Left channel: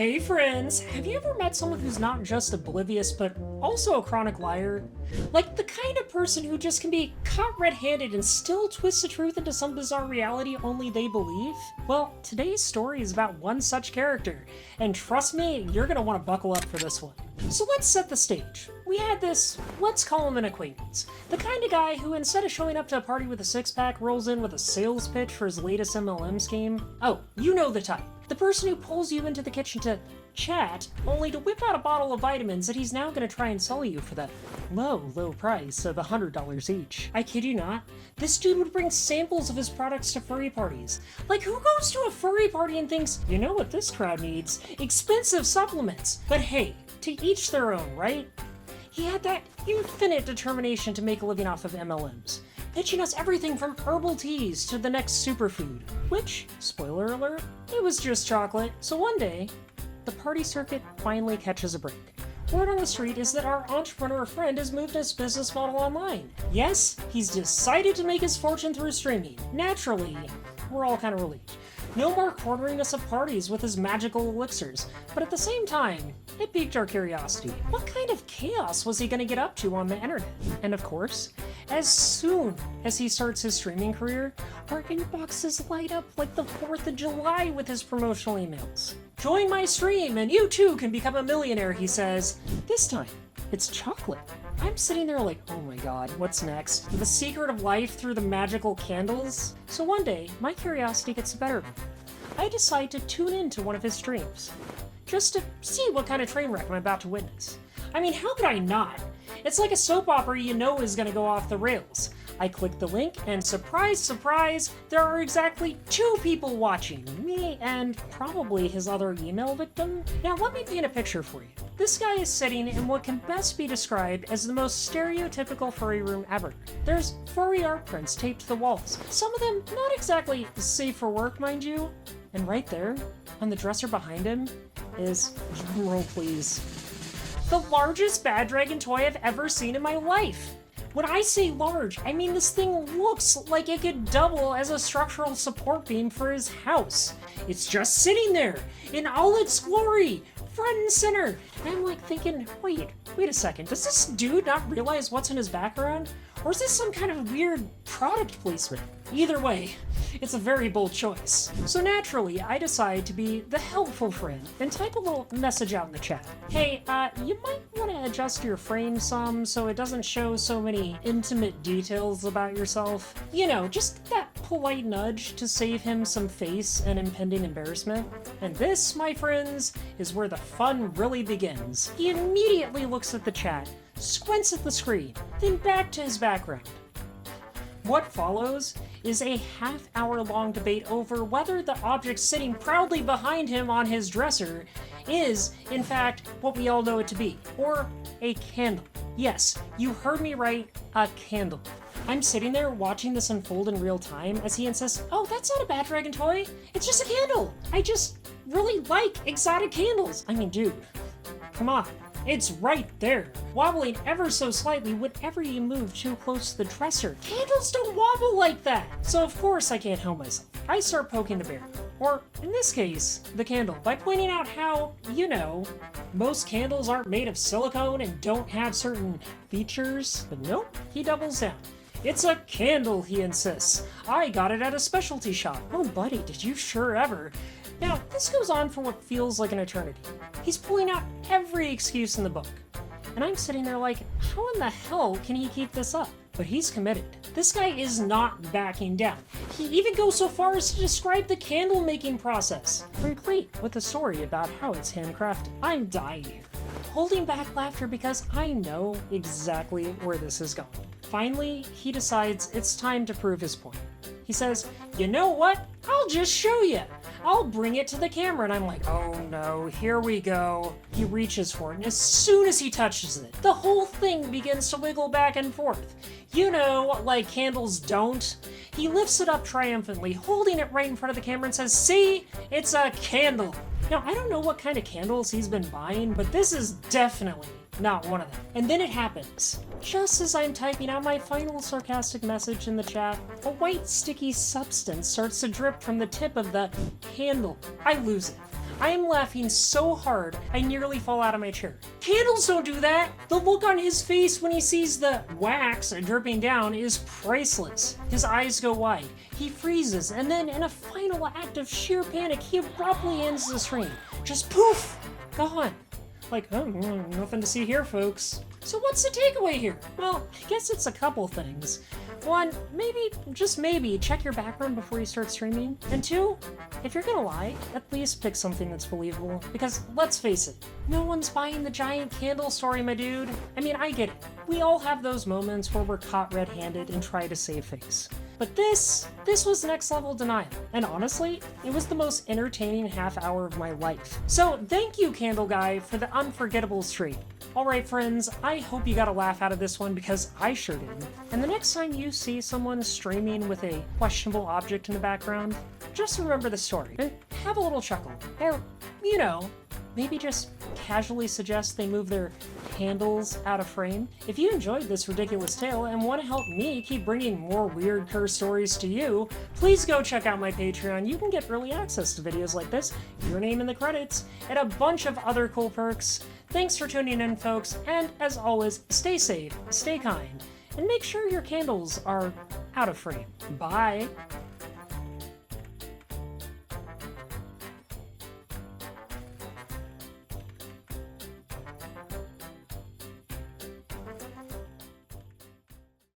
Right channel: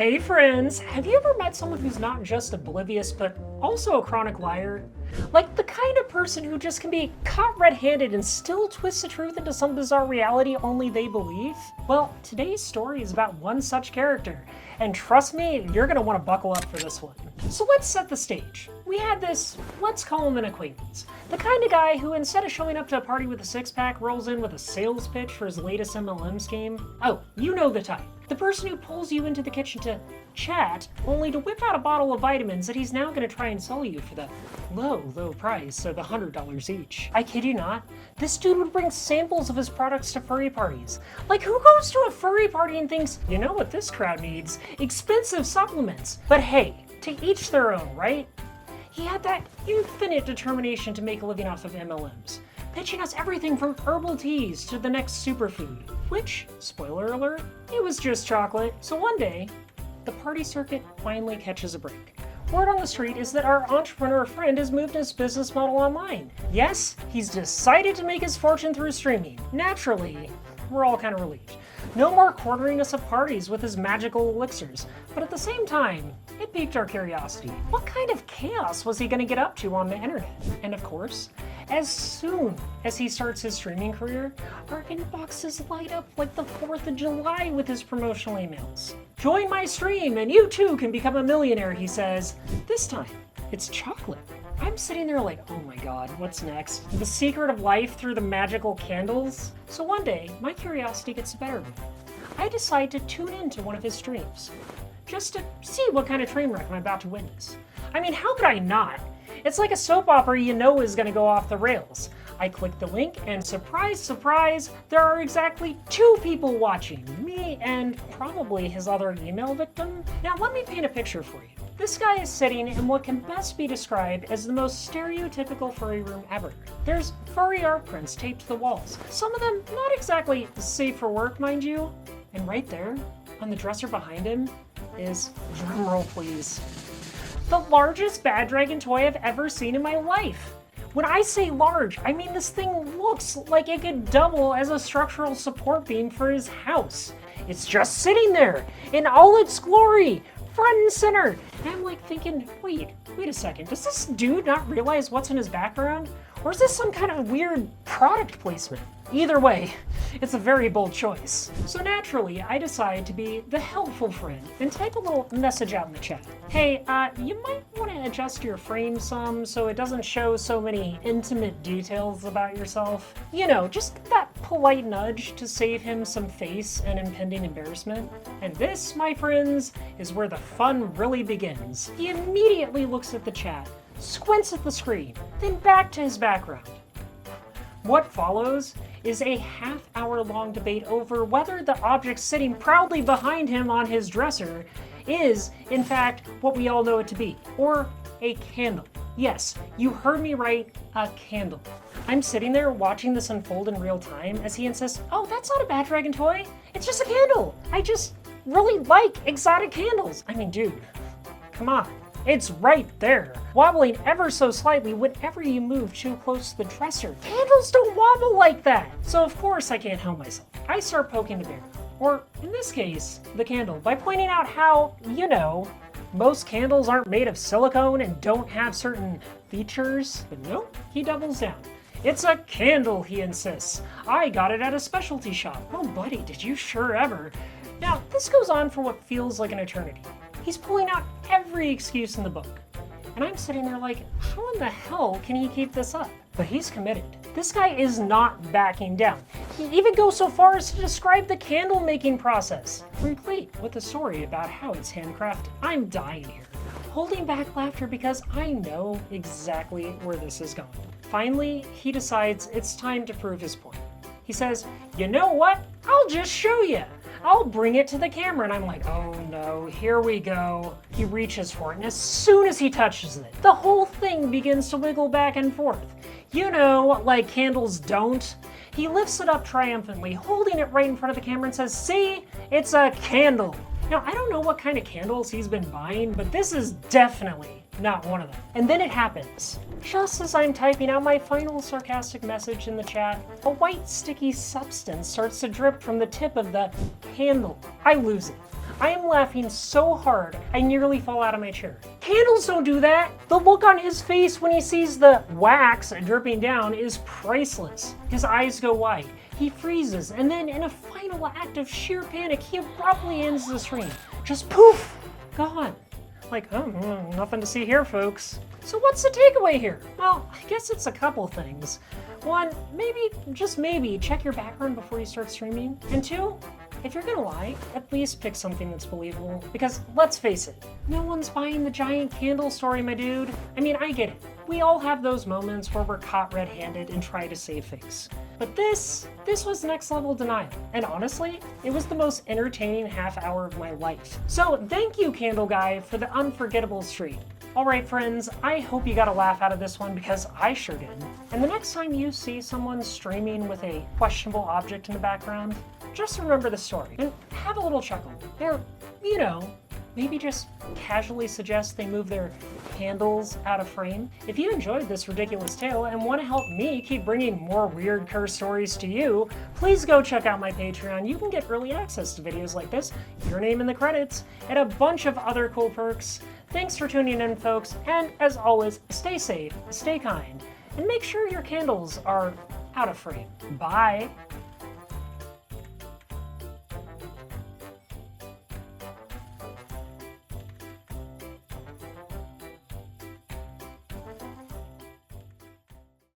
Hey friends, have you ever met someone who's not just oblivious, but also a chronic liar? Like the kind of person who just can be caught red-handed and still twist the truth into some bizarre reality only they believe? Well, today's story is about one such character, and trust me, you're gonna want to buckle up for this one. So let's set the stage. We had this, let's call him an acquaintance. The kind of guy who instead of showing up to a party with a six-pack rolls in with a sales pitch for his latest MLM scheme. Oh, you know the type. The person who pulls you into the kitchen to chat, only to whip out a bottle of vitamins that he's now going to try and sell you for that low price of $100 each. I kid you not, this dude would bring samples of his products to furry parties. Like, who goes to a furry party and thinks, you know what this crowd needs? Expensive supplements. But hey, to each their own, right? He had that infinite determination to make a living off of MLMs, pitching us everything from herbal teas to the next superfood, which, spoiler alert, it was just chocolate. So one day, the party circuit finally catches a break. Word on the street is that our entrepreneur friend has moved his business model online. Yes, he's decided to make his fortune through streaming. Naturally, we're all kind of relieved. No more cornering us at parties with his magical elixirs, but at the same time, it piqued our curiosity. What kind of chaos was he going to get up to on the internet? And of course, as soon as he starts his streaming career, our inboxes light up like the 4th of July with his promotional emails. Join my stream and you too can become a millionaire, he says. This time, it's chocolate. I'm sitting there like, oh my god, what's next? The secret of life through the magical candles? So one day, my curiosity gets the better of me. I decide to tune into one of his streams, just to see what kind of train wreck I'm about to witness. I mean, how could I not? It's like a soap opera you know is gonna go off the rails. I click the link, and surprise, surprise, there are exactly 2 people watching. Me and probably his other email victim. Now let me paint a picture for you. This guy is sitting in what can best be described as the most stereotypical furry room ever. There's furry art prints taped to the walls. Some of them not exactly safe for work, mind you. And right there, on the dresser behind him, is, drumroll please, the largest bad dragon toy I've ever seen in my life. When I say large, I mean this thing looks like it could double as a structural support beam for his house. It's just sitting there, in all its glory, front and center. And I'm like thinking, wait a second, does this dude not realize what's in his background? Or is this some kind of weird product placement? Either way, it's a very bold choice. So naturally, I decide to be the helpful friend and type a little message out in the chat. Hey, you might want to adjust your frame some so it doesn't show so many intimate details about yourself. You know, just that polite nudge to save him some face and impending embarrassment. And this, my friends, is where the fun really begins. He immediately looks at the chat, squints at the screen, then back to his background. What follows is a half-hour-long debate over whether the object sitting proudly behind him on his dresser is, in fact, what we all know it to be, or a candle. Yes, you heard me right, a candle. I'm sitting there watching this unfold in real time as he insists, oh, that's not a bad dragon toy, it's just a candle. I just really like exotic candles. I mean, dude, come on. It's right there, wobbling ever so slightly whenever you move too close to the dresser. Candles don't wobble like that! So of course I can't help myself. I start poking the bear, or in this case, the candle, by pointing out how, you know, most candles aren't made of silicone and don't have certain features. But nope, he doubles down. It's a candle, he insists. I got it at a specialty shop. Oh buddy, did you sure ever. Now, this goes on for what feels like an eternity. He's pulling out every excuse in the book. And I'm sitting there like, how in the hell can he keep this up? But he's committed. This guy is not backing down. He even goes so far as to describe the candle making process, complete with a story about how it's handcrafted. I'm dying here, holding back laughter because I know exactly where this is going. Finally, he decides it's time to prove his point. He says, you know what? I'll just show you. I'll bring it to the camera. And I'm like, oh no, here we go. He reaches for it, and as soon as he touches it, the whole thing begins to wiggle back and forth. You know, like candles don't. He lifts it up triumphantly, holding it right in front of the camera and says, see, it's a candle. Now, I don't know what kind of candles he's been buying, but this is definitely not one of them. And then it happens. Just as I'm typing out my final sarcastic message in the chat, a white sticky substance starts to drip from the tip of the candle. I lose it. I am laughing so hard I nearly fall out of my chair. Candles don't do that! The look on his face when he sees the wax dripping down is priceless. His eyes go wide, he freezes, and then in a final act of sheer panic, he abruptly ends the stream. Just poof! Gone. Like, oh, nothing to see here, folks. So what's the takeaway here? Well, I guess it's a couple things. One, maybe, just maybe, check your background before you start streaming. And two, if you're gonna lie, at least pick something that's believable. Because, let's face it, no one's buying the giant candle story, my dude. I mean, I get it. We all have those moments where we're caught red-handed and try to save face. But this was next level denial. And honestly, it was the most entertaining half hour of my life. So thank you, Candle Guy, for the unforgettable stream. Alright friends, I hope you got a laugh out of this one because I sure did. And the next time you see someone streaming with a questionable object in the background, just remember the story and have a little chuckle. Or, you know, maybe just casually suggest they move their candles out of frame. If you enjoyed this ridiculous tale and want to help me keep bringing more weird curse stories to you, please go check out my Patreon. You can get early access to videos like this, your name in the credits, and a bunch of other cool perks. Thanks for tuning in, folks, and as always, stay safe, stay kind, and make sure your candles are out of frame. Bye!